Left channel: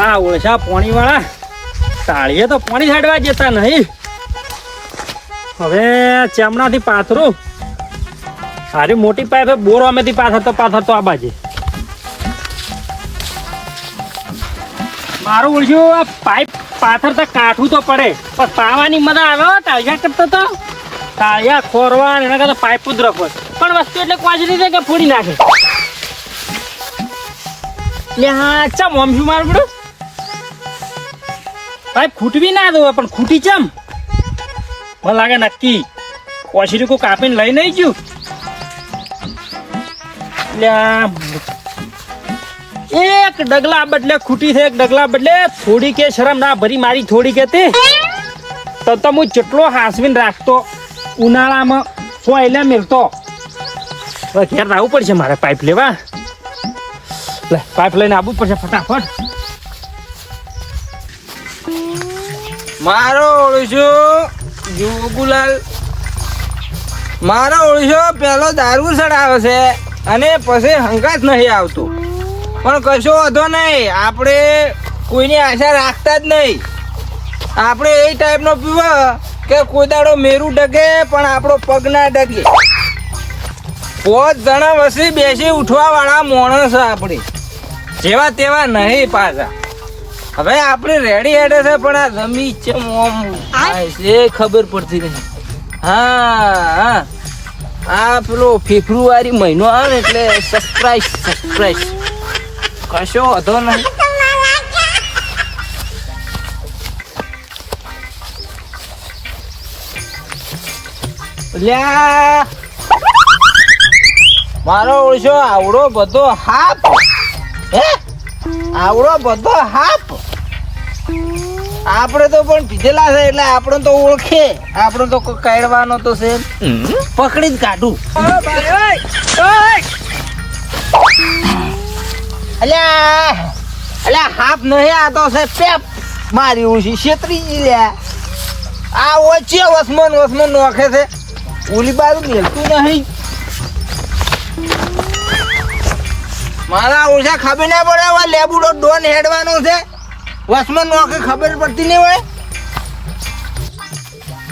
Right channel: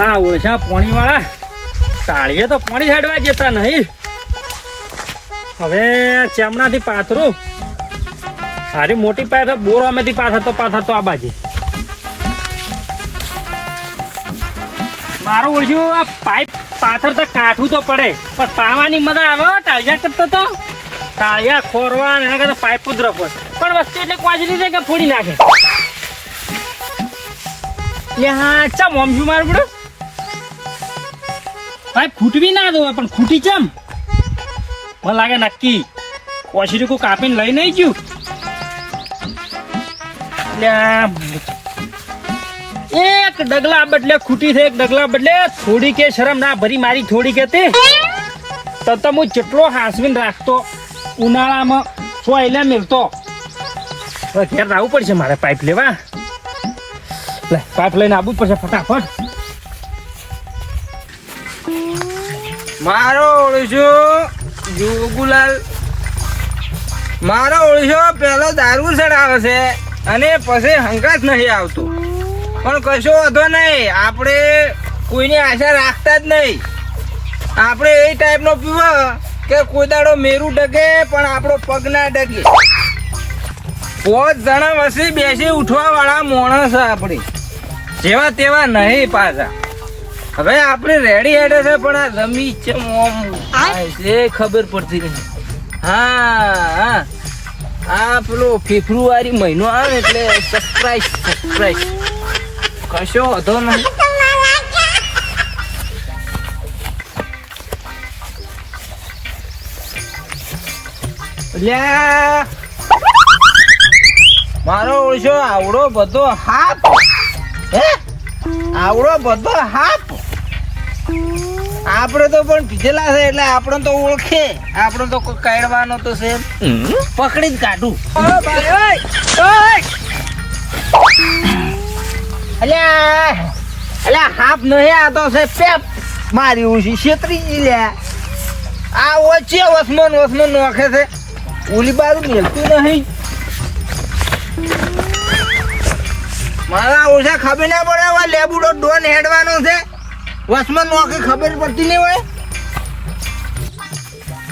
હા ઓછા પાણી વાળા તાળીએ તો પાણી છાડવા જતા નહીં. હવે ચેમણાથી પાથરું. હારી મોટી પાથર બોર અમેથી પાથરતો આ બાજુ મારું ઓળખ્યું. આ પાઇપ પાથરતા કાઠું તો પડે પણ પાવાની મજા આવે. ટાળિયા કરતો તો ટાળિયા ખોરવા એના કરતા પાઇપ જ રખો. પણ વસ્તુ એટલે કોચલી છે કે ફોડી નાખે. હા ચમ ઓમશું મારું પડે પાઇપ ખૂટવી ના દો પણ ખૂટી ચમ મને લાગે નક્કી કોચલી કોઈ કાપીને લઈ નહીં ગયું. એક ડગલા બદલે ખૂટી છે. એક ડગલા બદલે થોડી કે શરમ ના ભરી મારી થોડી કે તે તો હું જેટલો હાસવીને રાખતો ઉનાળામાં સોયલા મેલતો. ઘેર આવવું પડશે મારે પાઇપ લેવા. પાઇપ લઈને આવવું પડશે ફટાફટ. મારો ઓળશો જોગુલાલ મારો ઓળશો પેલો દારૂ ચડાવે છે અને પછી હંગાત નહીં આવતો. પણ કશો વાંધો નહીં, આપણે કોઈની આશા રાખતા જ નહીં. આપણે એ ટાઈપનો પીવા કે કોઈ દાડો મેરું ડગે પણ આપણો પગ ના ડગે. 5 જણા વસી બેસી ઉઠવા વાળા માણસ આપણે જેવા તેવા નહીં પાછા. હવે આપણે રેડી હેડે છે પણ આ જમી છે એ ખબર પડતી નહીં. હા આ પેલો ફેબ્રુઆરી મહિનો આવે એટલે સરપ્રાઈઝ કશો હતો નહીં. મારો ઓળશો આવડો બધો હાપ આપણે તો પણ પીધેલા છે એટલે આપણે તો ઓળખે. આપણે તો કોઈ કાઢવાનો તો છે પકડી જ કાઢું. અલ્યા હાફ નહીં આ તો છે પેપ મારી ઉછી છેતરી લ્યા. આ ઓછે વસમન નોખે છે ઓલી બાજુ મેલતું નહીં. મારા ઓછા ખબર ના પડે હવે લેબુડો ડોન હેડવાનો છે. વસમન નોખે ખબર પડતી નહીં હોય.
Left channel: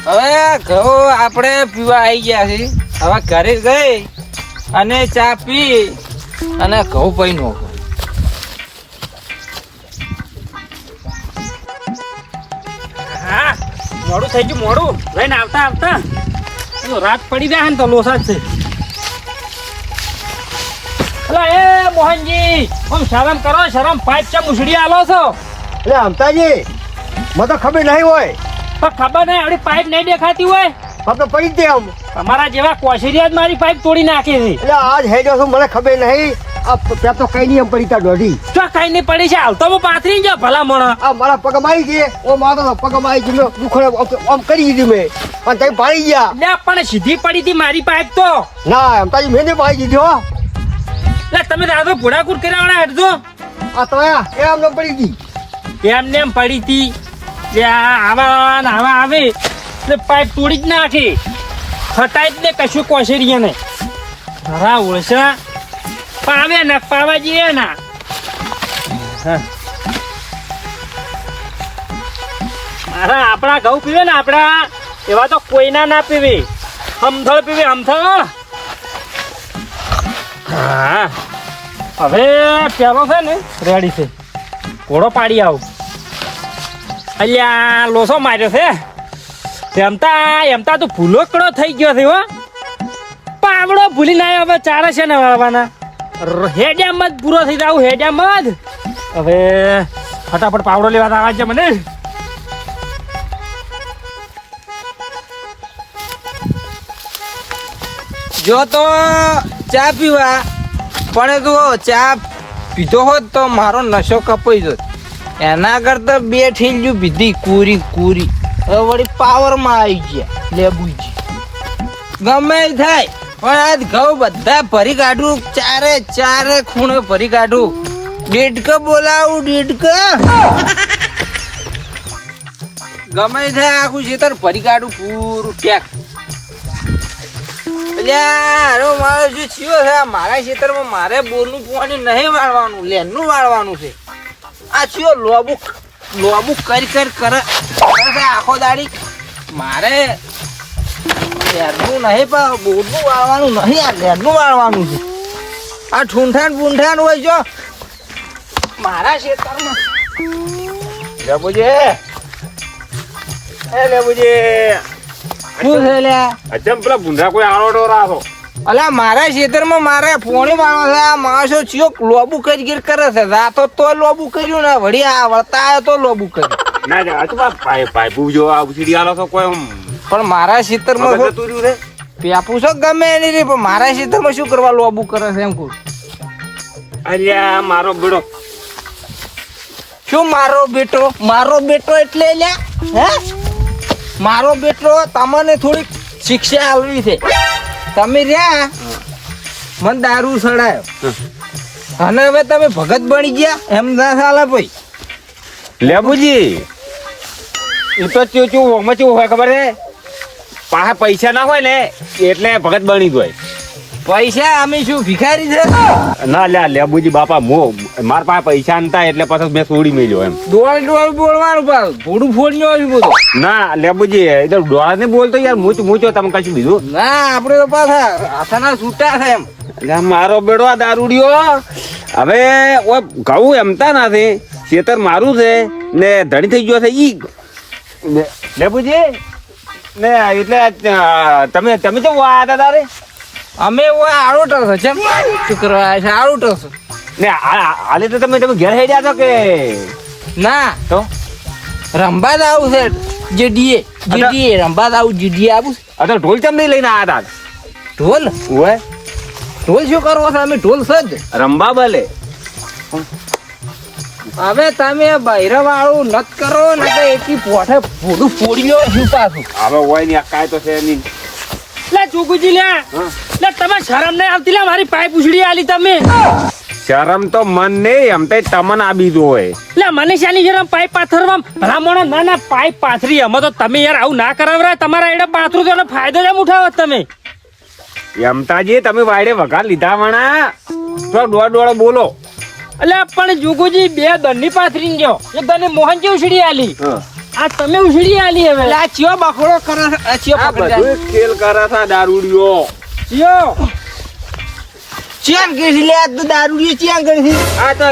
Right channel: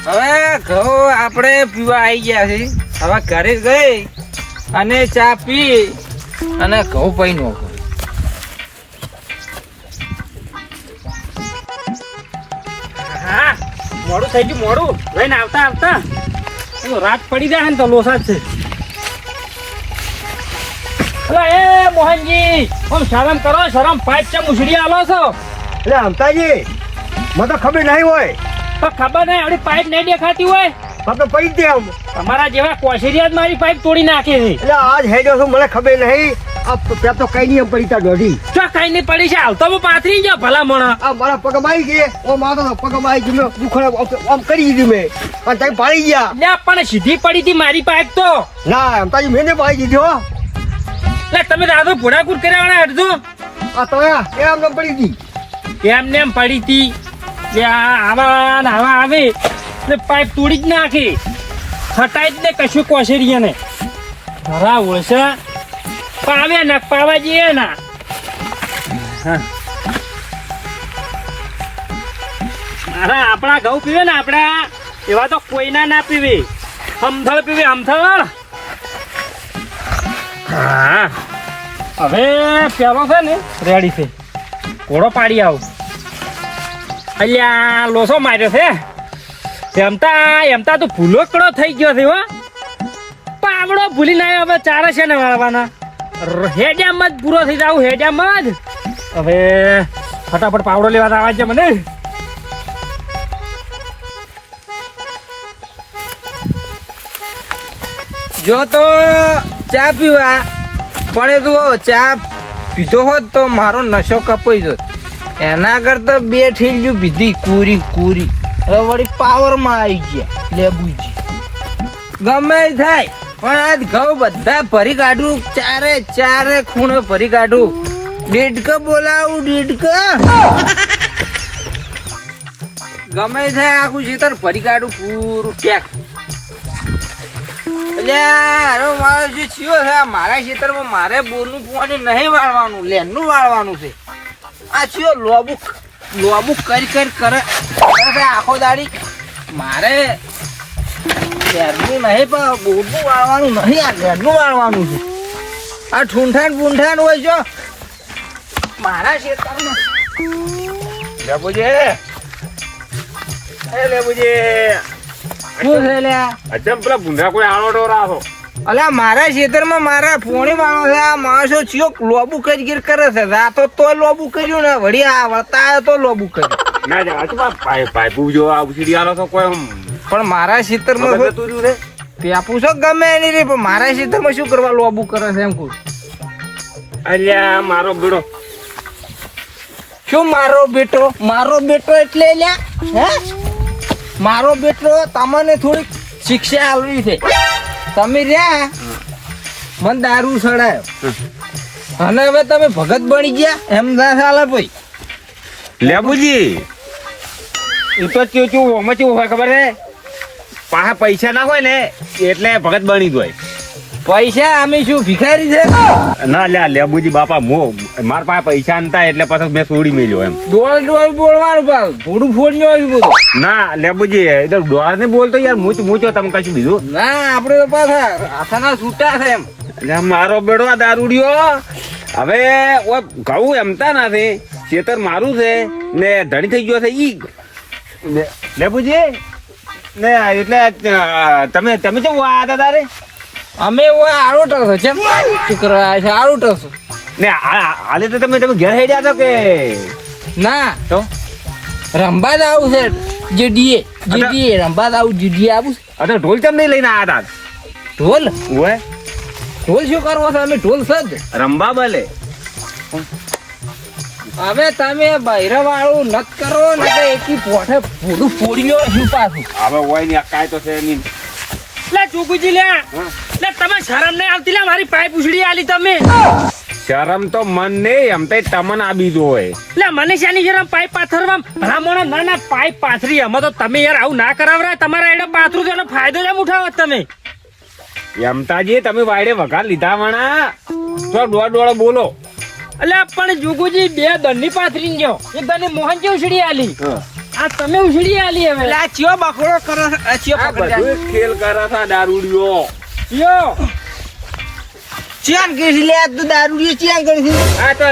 હવે ઘઉં આપણે પીવા આવી ગયા છે. હવે ઘરે ગઈ અને ચા પી અને ઘઉં પી નોખો. હા મોડું થઈ ગયું મોડું લઈને આવતા રાત પડી જાય ને તો લોસા છે. એ મોહનજી આમ શરમ કરો શરમ. પાઇપ ચમ ઉછળી આલો છો. એટલે અમતાજી મને તો ખબર નહીં હોય. તો ખબર નહીં આપડી પાઇપ નહીં દેખાતી હોય તો પડી દે આમ. તમારા જેવા કોશરિયા જ મારી પાઇપ તોડી નાખે છે. એટલે આજ હેડ્યો છું મને ખબર નહીં. ત્યાં તો કઈ નહીં એમ પડી ત્યાં દોઢી તો કઈ નહીં પડી છે. હાલ તો હું પાથરી ગયા ભલા મણા. આ મારા પગમાં આવી ગઈ. ઓ મારો પગમાં આવી ગઈ. મેં દુખડા આમ કરી દીધી મેં પણ તમે પાડી ગયા. લે પણ સીધી પડી હતી મારી પાઇપ તો. ના અમતાજી મેં પાડી દીધી હો. લે તમે દાદો ભોડાકુટ કર્યા હટજો. આ તો એ આમ પડી ગઈ. એમને એમ પડી હતી. આવા આવે પાઇપ તોડી જ નાખી. હટાઈ જ ને કશું કોશરિયા ને ખરા ઓળશા પાવે ને પાવા જઈએ ના. અરે આપણા ઘઉં પીવે ને આપડા એવા તો કોઈના ના પીવે. હમથળ પીવે હમથળ. હા હવે પેલો છે ને રેડી છે. ઘોડો પાડી આવું. અલ્યા લોસો માર્યો છે. એમતા તો ભૂલોકડો થઈ ગયો છે. હો પાવડો ભૂલી ના હવે ચારે છે ને વાળવાના. હેડિયામ જ પૂરો થઈ જાવ. હેડિયામ જ હવે ફટાફટ પાવડો લેવા આવવા છે મને. જો તો ચા પીવા પણ તું ચા પીધો હોત તો મારો નશો કપાઈ જતો. એના કરતા 2 ઠીલજુ પીધી કુરી. હવે વળી પાવરમાં આવી ગયા લેબુજી. ગમે થાય પણ આજ ઘઉં બધા ભરી કાઢું. ચારે ખૂણે ભરી કાઢું. ડેડક બોલાવું ડેડક. ગમે થાય આખું ખેતર ભરી કાઢું પૂરું પેક. એટલે મારો જે થયો છે મારા ખેતરમાં મારે બોરનું પાણી નહીં વાળવાનું લેનનું વાળવાનું છે. આ ચિયો લોબુ કરી કરે આખો દાડી મારે ઘેરનું નહીં પણ બોરનું વાળવાનું નહીં, આ ઘેરનું વાળવાનું છે. આ ઠૂંઠાણ હોય જો મારા ખેતરમાં. લેબુજી એ લેબુજી શું છે લ્યા? અચમ પેલા ભૂંડા કોઈ આળોટો રાખો. અલા મારા ખેતરમાં મારે પોણી વાળો છે. આ માણસો ચિયો લોબુ કરી કરે છે. રાતો તો લોબુ કર્યું ને વળી આ વળતા આવ્યો તો લોબુ કર્યું. ના જા તો પાઇપુ જો આ ઉછળી આલો તો કોઈ પણ મારા ખેતરમાં મગજ જતું રહ્યું રે. પેપુ છો ગમે એની રે પણ મારા ખેતરમાં શું કરવા લોબુ કરે છે એમ કહું. અલ્યા મારો બેડો શું મારો બેટો એટલે લ્યા હે મારો બેટો તમને થોડીક શિક્ષા આલવી છે. તમે રહ્યા મને દારૂ સડાયો અને હવે તમે ભગત બની ગયા એમ ના ચાલે ભાઈ. લેબુજી એ તો ચૂચું ઓમાં ચૂ હોય ખબર છે, પાછા પૈસા ના હોય ને એટલે ભગત બની જાય. પૈસા અમે શું ભિખારી છે? ના લ્યા લેબુજી બાપા માર પાસે પૈસા નતા એટલે પછી મેં છોડી મેલ્યો એમ. ડોળ બોલવાનું પાછું થોડું ફોડી આવ્યું બધું. ના લેબુજી એ તો ડોળા ને બોલતો યાર મૂચો તમે કશું બીજું. ના આપડે તો પાછા હાથાના છૂટા છે એમ. એટલે મારો બેડો આ દારૂડિયો હવે ઘઉં એમતા નથી, ખેતર મારું છે ને ધડી થઈ ગયો છે ઈ લેબુજી ને એટલે તમે કેવું આયા હતા તારે અમે આરોટો છે શું કરવા છે આરોટો છો ને હાલે તો તમે ઘેર હેડ્યા હતા કે ના તો રંબાદ આવું છે જીડીએ રંબાદ આવું જીડીએ આવું. તો ઢોલ તમને લઈને આયા હતા. ઢોલ ઓય શું કરવો છે? અમે ઢોલ સજ રંબા બલે હવે તમે બૈરા વાળું નત કરો ને તો એકી પોઠે ફોડું ફોડ્યો શું પાછું. હવે હોય ને કાંઈ તો છે નહીં. લે જોગુજી લે હા. લે તમે શરમ નહીં આવતી લે મારી પાઇપ ઉછળી આલી તમે. શરમ તો મન નહીં એમ તો તમને આ બીજું હોય. લે મને શાની શરમ પાઇપ પાથરવા ભલામણો ના પાઇપ પાથરી એમાં તો તમે યાર આવું ના કરાવરા. તમારા એડા પાથરું તો એનો ફાયદો કેમ ઉઠાવો તમે? એમતાજી તમે વાયડે વઘાર લીધા વણા તો દોડ બોલો. એટલે પણ જોગુજી બે દંડની પાથરી ગયો, એક દંડની મોહન જે ઉછળી આલી, આ તમે ઉછળી આલી. હવે એટલે આ ચિયો બખડો કરો છે? આ ચિયો આ પકડી બધું ખેલ કરે છે દારૂડિયો. યો ચિયાન કરી લે આ તો દારૂ ચિયાન કરી. આ તો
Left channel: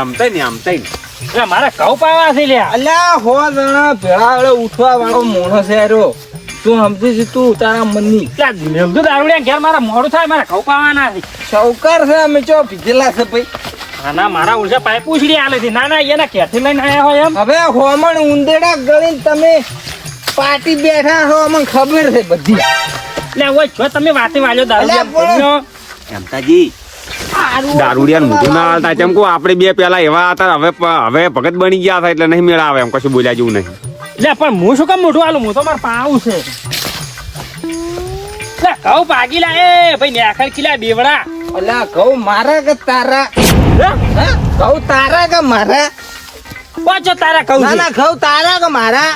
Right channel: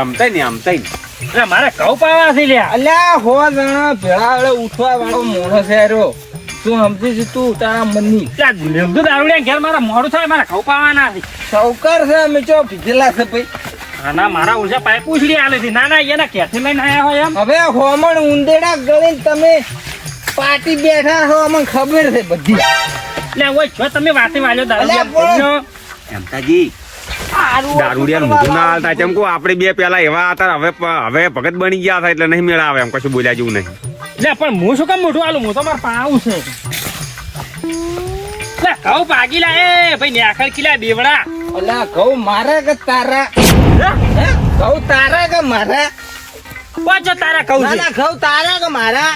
આમ તઈ એટલે મારા ઘઉં પાવા છે લ્યા. અલ્યા હો જણા ભેળા વડે ઉઠવા વાળો મોણસ છે રો. તું સમજી છે તું તારા મનની લેવડું દારૂડિયા ઘેર મારા મોડું થાય, મારા ઘઉં પાવાના છે. સૌકાર છે અમે ચો ભીગેલા છે ભાઈ. ના મારા ઉલટા પાઇપ ઉછળી આલે છે. ના એના ક્યાંથી લઈને આયા હોય એમ. હવે હોમણ ઉંદેડા કરીને તમે પાર્ટી બેઠા છો અમને ખબર છે બધી. લે ઓય જો તમે વાતે વાલ્યો અલ્યા દારૂડિયા. એમતાજી દારૂડિયા મોઢું ના હાલતા કેમ કો આપણે બે પેલા એવા હતા, હવે ભગત બની ગયા હતા એટલે નહીં મેળા આવે એમ કશું બોલ્યા જેવું નહીં. લે પણ હું શું કામ મોઢું આલું? હું તો મારે પાવું છે. લે ઘઉં ભાગી લા એ ભાઈ ને આખર કિલા દેવડા. અલ્યા ઘઉં મારા કે તારા? હા? ઘઉં તારા કે મારા? પાછો તારા કહું ના ના ઘઉં તારા કે મારા?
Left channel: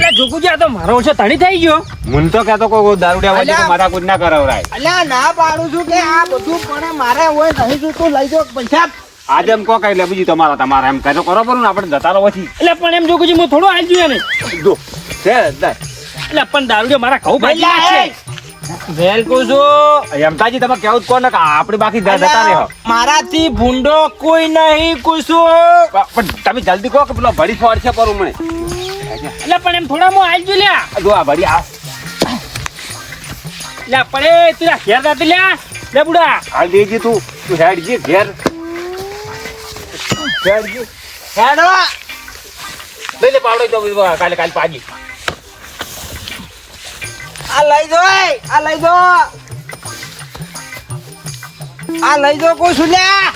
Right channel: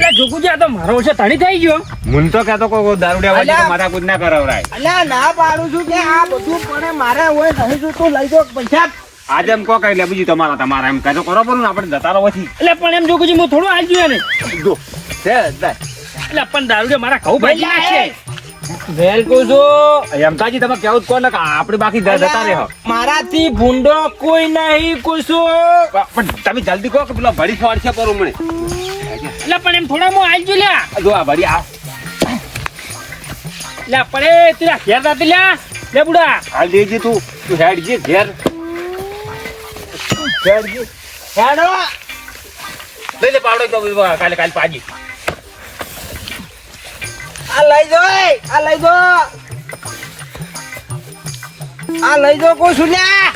લે જોગુજી આ તો મારો છે તણી થઈ ગયો. મને તો કહેતો કોઈ દારૂડિયા હોય તો માથા કૂદ ના કરાવરાય. અલ્યા ના પાડું છું કે આ બધું પણ મારે હોય નહીં તું તું લઈ જો પૈસા. આજે એમ કહો કઈ લે બીજી તમારા એમ કહેતો કરો પડું ને આપણે જતા રહો પછી. એટલે પણ એમ જોગુજી હું થોડો આલ જોઈએ ને. જો છે એટલે પણ દારૂ મારા ઘઉં ભાગી ભઈલા, છે. વેલ કહું છું એમતાજી તમે કેવું જ કહો ને કે આપણે બાકી જતા રહો. મારાથી ભૂંડો કોઈ નહીં કુશું. પણ તમે જલ્દી કહો કે પેલો ભડી ફોડ છે પર ઉમણે. એટલે પણ એમ થોડા હું આલ જોઈએ લ્યા. જો આ ભડી આ લે પડે તીરા ઘેર જાતી લ્યા. લે બુડા હાલ દેજી તું હેડજી ઘેર હેડજી હેડો લઈ લે પાવડો તો કાલે પાજી. આ લઈ જો આ લઈ જો આ લઈ જો કોઈ સુલ્યા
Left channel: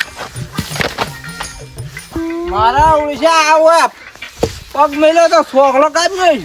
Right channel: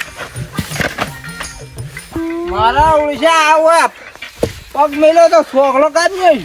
મારા ઓળશા આવો પગ મેલો તો છોકરો કાઢી